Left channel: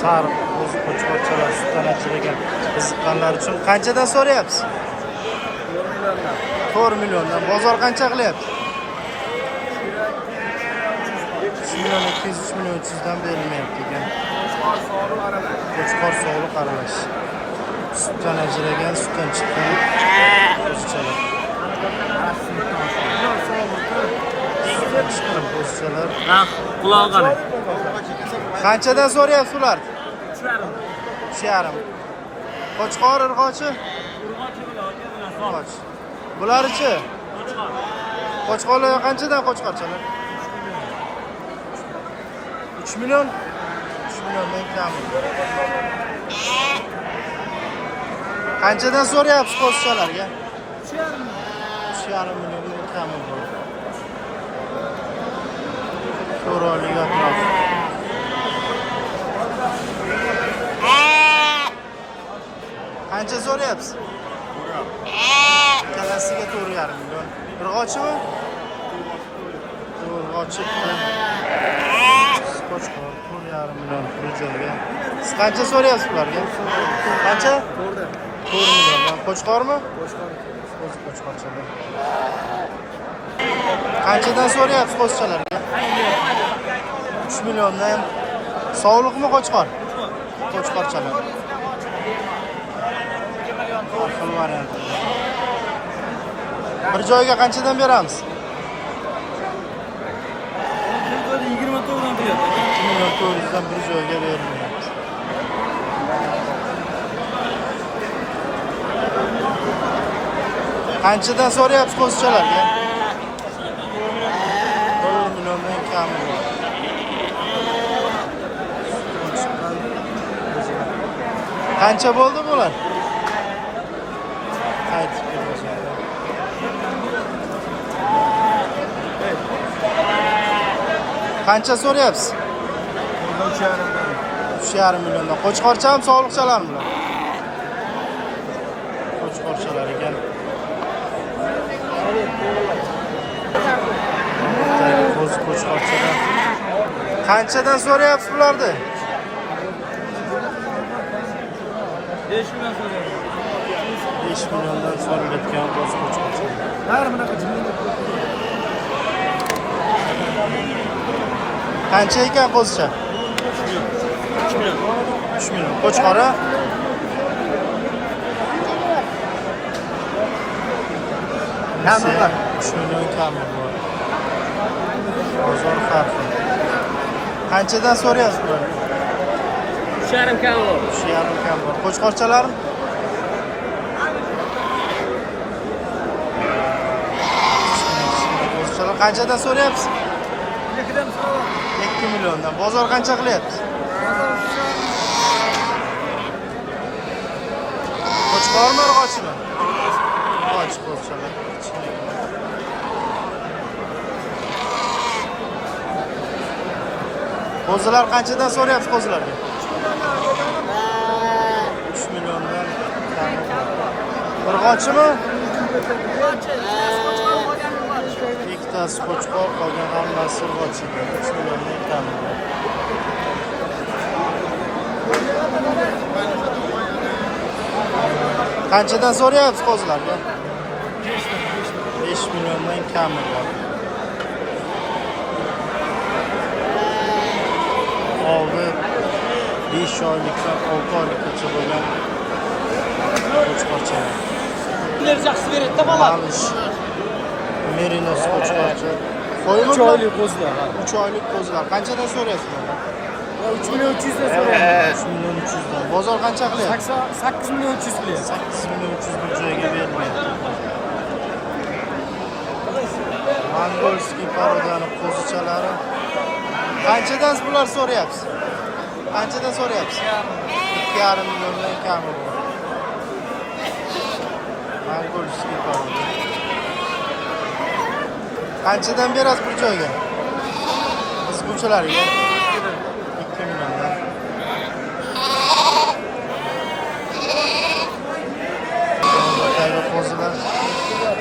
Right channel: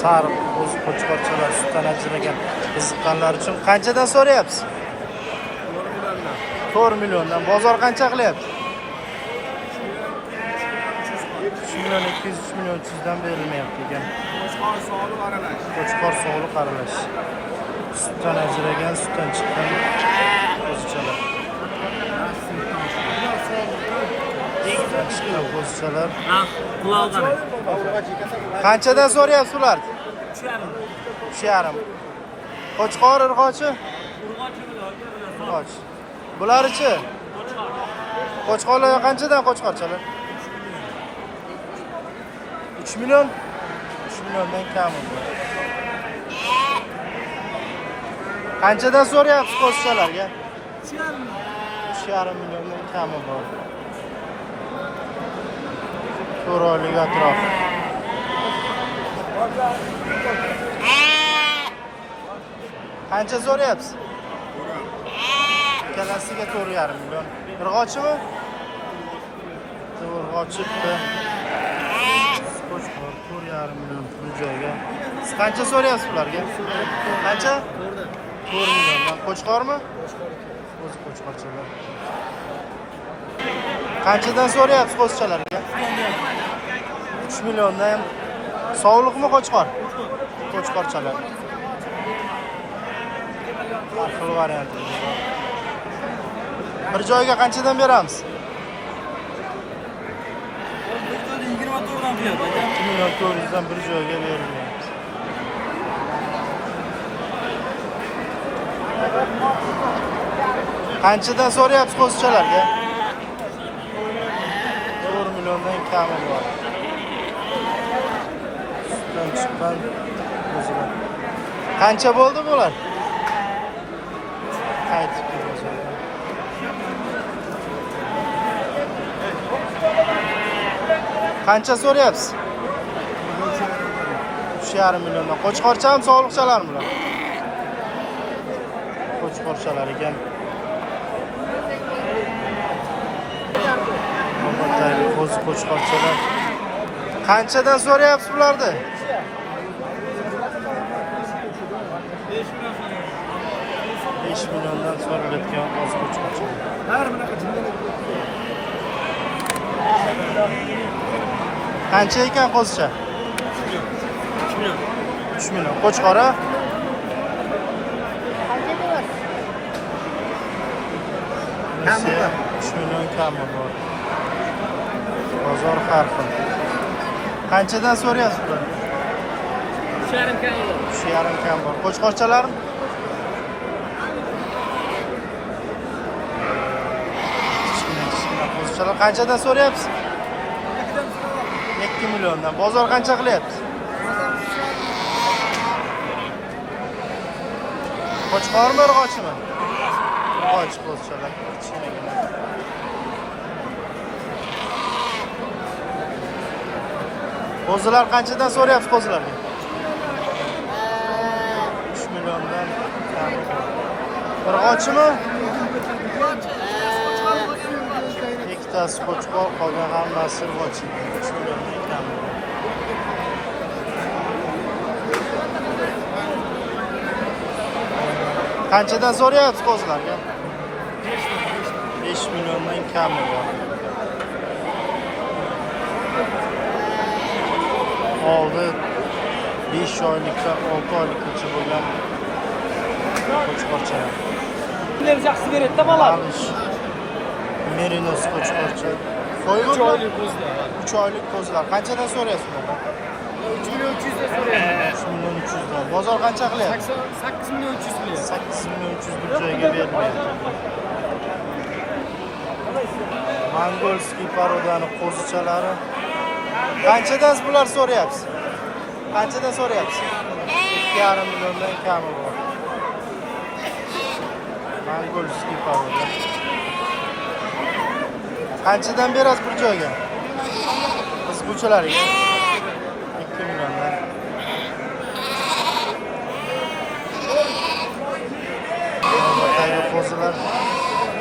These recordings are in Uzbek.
Sariq qo'zi qo'chqorchalar sutdan ajragan qiziqqanlar uchun qanchadan so'rayapsiz? 4 milliondan. Bozor qancha qilyapti? 3 million 200, 3 million 300 dan berilmayapti ekan. Qo'chqor sog'liq aralash. Sutdan ajragan, sutdan chiqqan qo'zichalar. Sutdan chiqqan qo'zichalar. Qulog'ini. Qanchadan so'rayapsiz ular? 3,5. Qo'chqor urg'ochi? Urg'och. Bular-chi? Qo'chqorlar qanchadan qo'chqorchalar? 3 million. 3 milliondan kam. Qanchadan so'rayapsiz qo'zichalarga? 3,5 milliondan kami bor. To'raylik atrof. Qancha so'rayapsiz? Ikkalasiga 4,5 million. Urg'ochimi? Urg'ochibdi. Qo'chqor 4,5 million bir joyga. Siz qancha so'rayapsiz ularga? Qancha? 4 milliondan. Qo'chqormi? Qo'zi qo'chqorchalar. Qanchadan so'rayapsiz qo'zichalarga? 3 milliondan. Sog'liqmi qo'chqor? Qo'chqorchalar. Har xil variantlar bor. Bir joyga qanchadan beramiz? 24 dan beradi. 2 million 400 dan bir joyga berilmayapti. Qanchadan so'rayapsiz qo'zichalarga? 4 milliondan kami bor. Sutdan chiqqan qo'zilar. Qancha bo'ldi bular? Qaytib kelmoqda. Qancha so'rayapsiz? 3,5 milliondan. Qo'chqorchami, sog'liqchalarmi bular? Qo'chqorchalar ekan. Navbatdagi qo'zi qo'chqorchalar. Qanchadan so'rayapsiz bularni? 5 million so'rayapti. 5 milliondan so'ralayotgan qo'zi qo'chqorchalar. Bari bunaqa jumlalar ko'p. Qancha ekan qo'zicha? 3 million. 3 million. Qo'chqora? Nasiya 3 million kami bor. Bozor har xil. Qanchadan so'rayapsiz bularga? 3,5 kam bor. 3,5 kam bor. Qo'chqorchalarmi? Qo'zichalar qanchadan so'rayapsiz? 2 milliondan. Bozor qancha qilyapti? Qo'chqormi, urg'ochimi? Urg'och qo'zichalar. Kichkinagina. Qo'zilar qanchadan so'rayapsiz qo'zilarga? 3 milliondan kami bor. Urg'ochimi? Ikkitasi qo'chqor, qolgan hammasi urg'och ekan. 3 milliondan kami bor. Qanchadan so'rayapsiz qo'zilarga? 5 milliondan kami bor. Oldi 5 oylikdan 6 oylikgacha bo'lgan qo'chqorchalar. Yaxshi beradi-da bola. Malish. Merinos qo'chqorcha. Qo'ymi bular? 3 oylik qo'zilar. Qanchadan so'rayapsiz ularni? 3 million 300 dan so'rayapti. 3 million 300 dan. Bozor qancha qilyapti? 8 million 300 qilyapti. 8 million 300 bir joyga berilmayapti. Mongolskiy parodani qo'zichalari. Qanchadan bular so'rayapsiz? Qanchadan so'rayapsiz? 2,5 milliondan kami bor. Mongolskiy paroda. Qanchadan berasiz bir joyga? Qizguvchilarga 2 milliondan. Navbatdagi qo'zilar.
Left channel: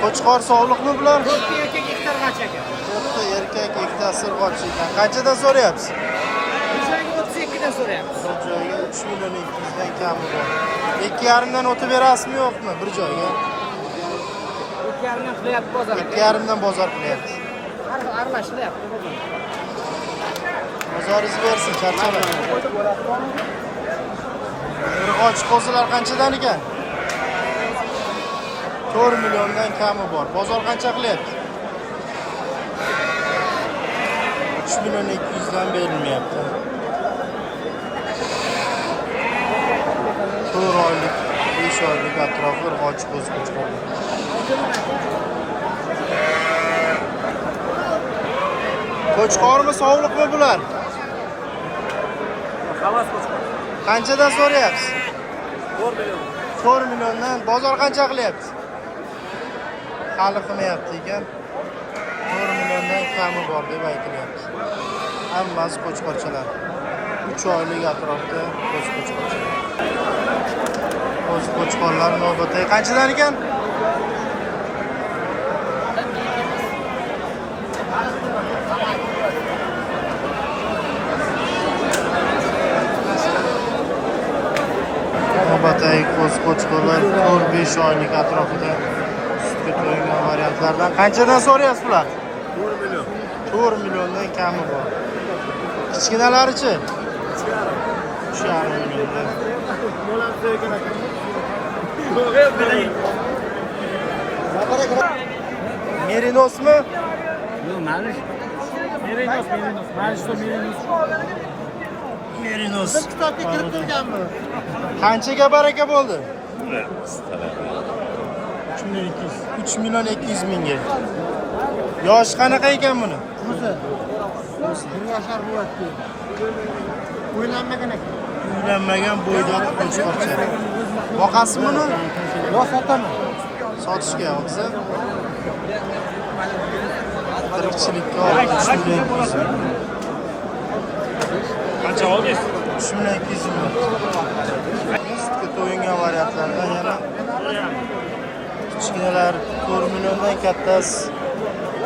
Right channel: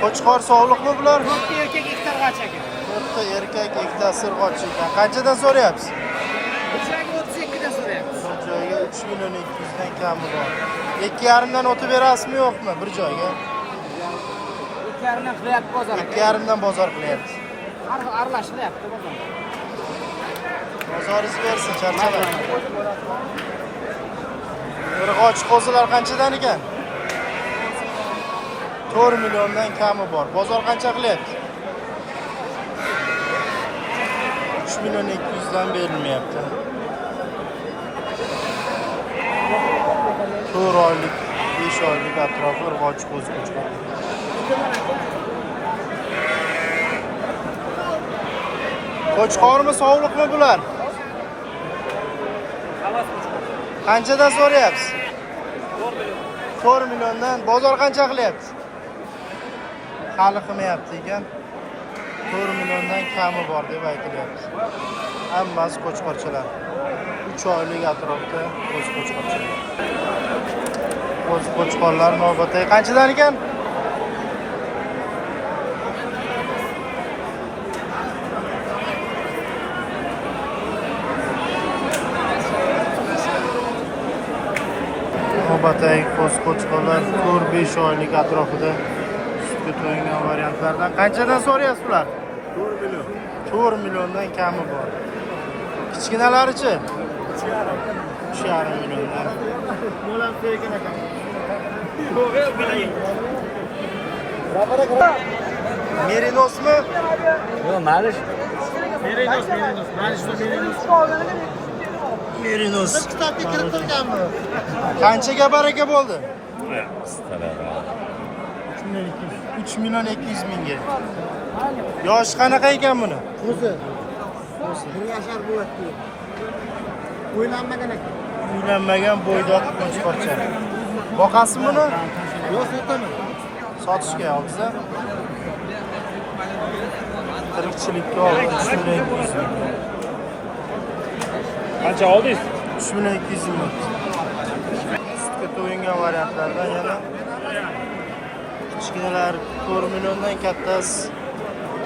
Qo'chqor sog'liqmi bular? 4 erkak ikkita g'acha ekan. 4 erkak, ikkita sirg'och ekan. Qanchadan so'rayapsiz? joyga 32dan so'rayapmiz. Bir joyga 3 million 200 dan kami bor. 2,5 dan o'tib berasizmi yo'qmi bir joyga? 2,5dan qilyapti bozor. 2,5 dan bozor qilyapsiz. Aralashilyapti. Bozoringiz bersin, charchamang. Urg'och qo'zilar qanchadan ekan? 4 milliondan kami bor. Bozor qancha qilyapti? 3 million 200 dan berilmayapti. 4 oylik, 5 oylik atrofi urg'och qo'zi qo'chqor. Qo'chqormi, sovuqmi bular? Qanchadan so'rayapsiz? 4 milliondan. Bozor qancha qilyapti? Hali qilmayapti ekan. 4 milliondan kami bor deb aytilyapti. Hammasi qo'chqorchalar. 3 oylik atrofda qo'zi qo'chqorchalar. Qo'zi qo'chqorlar navbatdagi qanchadan ekan? Navbatdagi qo'zi qo'chqorlar 4-5 oylik atrofida sutga to'yingan variantlardan qanchadan so'rayapsiz bular? 4 million. 4 milliondan kami bor. Kichkinalarichi? 3,5 milliondan. Merinosmi? Yo'q, manish. Merinos. Merinos. Kitobga kirib turganmi? Qanchaga baraka bo'ldi? 3 million 200 mingga. Yosh qanaqa ekan buni? O'zi. 1 yoshar bo'lyapti. O'ylanmagan ekan. Uylanmagan bo'ydoq qo'chqorcha. Boqasizmi buni? Yo, sotaman. Sotishga olsa tirikchilikka olib 3 million 200 ming. Qancha oldingiz? 3 million 200 ming. Sutga to'yingan variantlardan yana kichkinalar 4 milliondan kattasi,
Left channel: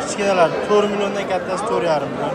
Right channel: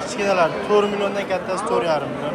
kichkinalar 4 milliondan kattasi 4,5 million.